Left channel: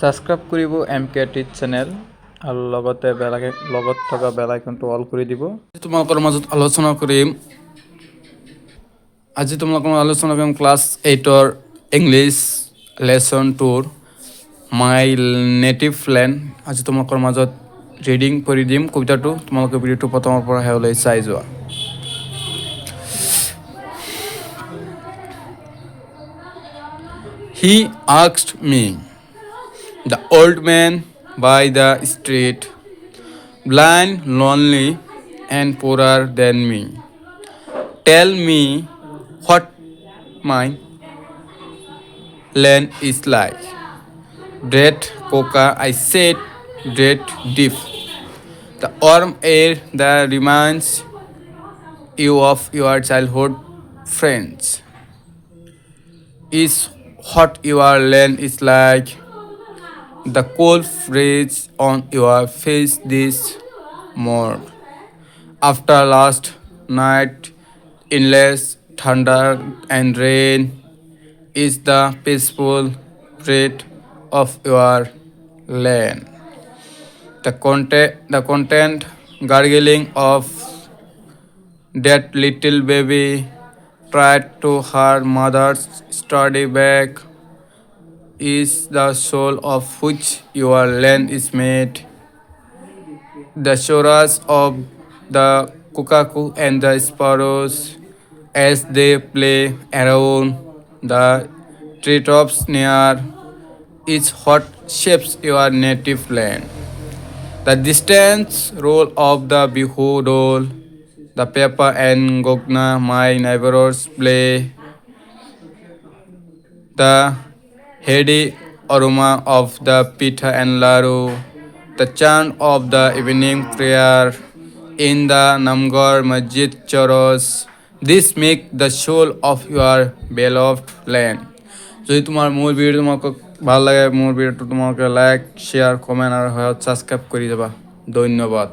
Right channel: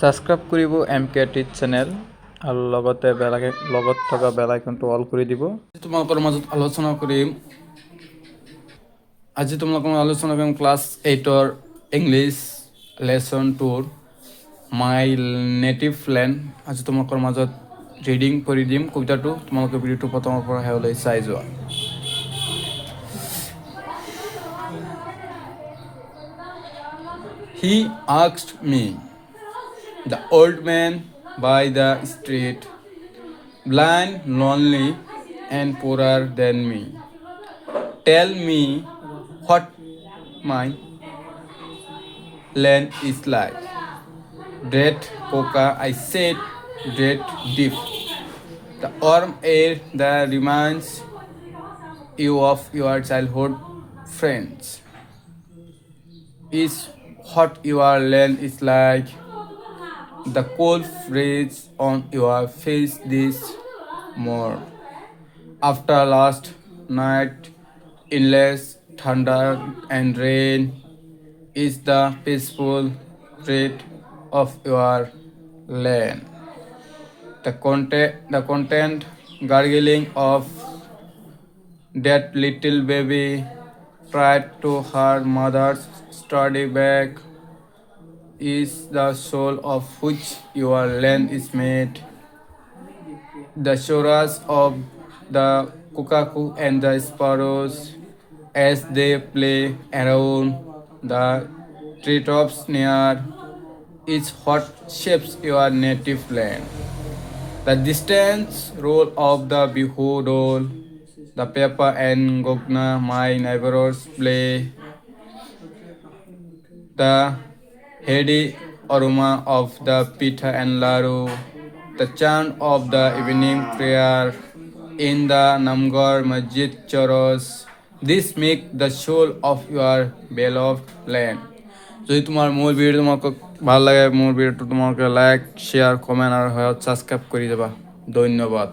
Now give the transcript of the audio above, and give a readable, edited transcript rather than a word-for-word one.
Subscribe কৰিব MKT channel আৰু লগতে লগত থকা বেল আইকনটো অল কৰি দিব। তোমালোকৰ মাজত আলোচনা কৰিম ক্লাছ 8ৰ ইংলিছ লেসন 2ৰ মাই নেটিভ ল্যান্ড। আজি তোমালোকৰ মাজত ৰিডিং কৰি দিম কবিতাটো। তোমালোকে ভিডিঅ'টো প্ৰথমৰ পৰা শেষলৈ চাই যোৱা। He asked me, the old man by the street, blind, lonely, and poorer than me, tell me what my land is like. Dread coca, I said, dread deep. The warm air that reminds you of your childhood friends is what your land is like. The cold breeze on your face this morn. After last night, endless thunder and rain is the peaceful breath of your land. The content gargling of that little baby tried to her mother's sturdy back is the soul of which your land is made. The chorus of the cuckoo and the sparrows as they play around the treetops near is what shapes your native land. The distant roll of the bihu dole, the pepper and gogna my neighbors play, the heady aroma of the pitha and laru, the chant of the evening prayer in the Namgar Masjid Choros. This make the soul of your beloved land. যদি তোমার মোৰ video তোমাকে ভাল লাগে, মোৰ ভিডিওটো তোমাকে like share comment আর subscribe করে দেবা। ধন্যবাদ।